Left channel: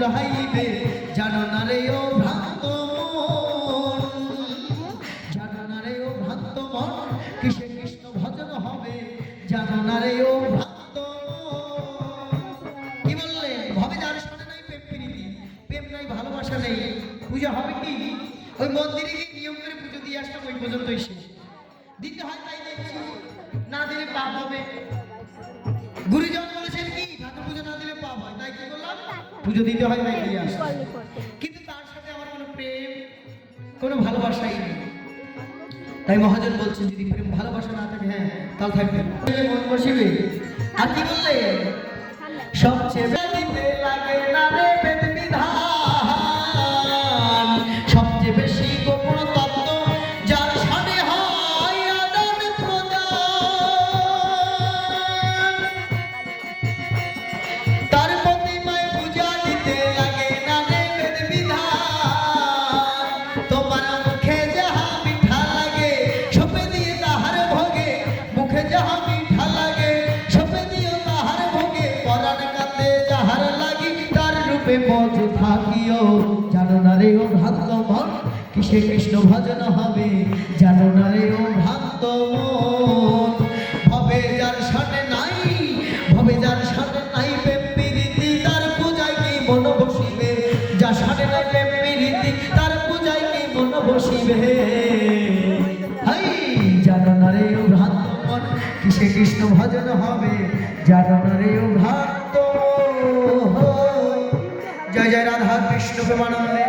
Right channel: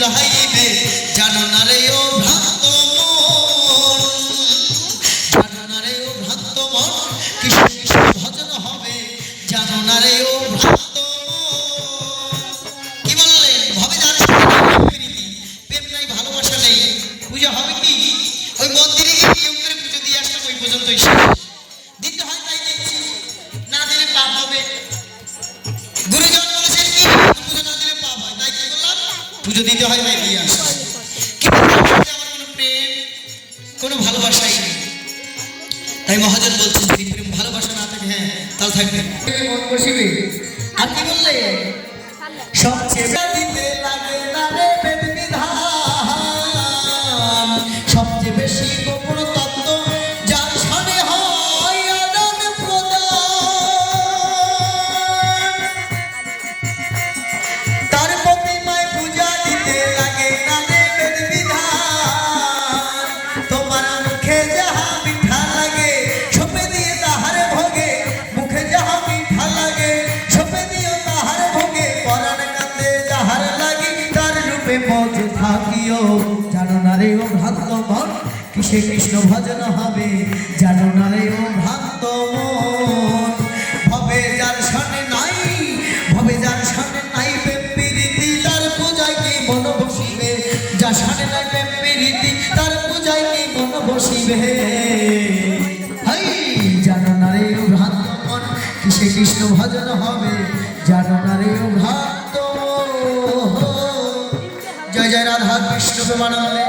জুড়াইবে জানো না রে ও ভ্রান্ত মন, জানো না রে ও ভ্রান্ত মন কৃষ্ণ কৃষ্ণ ভজন হবে জানো না রে ও ভ্রান্ত মন। কি বললেন? ভবে যার প্রেম নাই ভালোবাসা নেই, পূজা হবে কি? ওই মন্দিরে গিয়ে নিয়ম করে পুজো দিয়ে আসলাম, ওই পর্যন্তই শেষ। দিতে হয় তাই দিচ্ছি, না দিলে পাপ হবে। গুরুজন বলেছেন কি পুজো না দিলে পাপ হয়, তাই কি করলাম? পুজো দিতে হয় তাই দিয়ে আসলাম। কিন্তু আমার কোনো প্রেম কোনো ভালোবাসাই নেই। তাই মহাজন বলছেন যদি প্রেম ভালোবাসা না থাকে, হ্যাঁ তাহলে থাকবে মন বসিবে। আর কি বললেন? সবচেয়ে দিতে লাগে না রে বেদ বিধান, সবচেয়ে বেশি গোপন তত্ত্ব যার সামনে হয় আদান প্রদান, তার প্রতিমায় পূজা দিতে লাগে না রে বেদ বিধান। তোমার মুখে যাহা মিঠা লাগে সপে দিয়ে তাহার ভোগে, মুখে যাহা মিঠা লাগে সপে দিয়ে তাহার ভোগে, পরাণ কান্দে যাহার লাগি তার রূপে মজ থাকিও জানো না রে ও ভ্রান্ত মন কিসে কৃষ্ণ ভজন হবে জানো না রে ও ভ্রান্ত মন। ভবে যার সামনে নাই, ভবে যার সামনে নাই প্রেম প্রীতি তার পূজায় কি মন বসিবে, যার সামনে নাই প্রেম প্রীতি তার পূজায় কি মন বসিবে। হাই জানো না রে ও ভ্রান্ত মন কিসে কৃষ্ণ ভজন হবে জানো না রে ও ভ্রান্ত। জয় জয় রাধা কৃষ্ণ প্রেমানন্দে।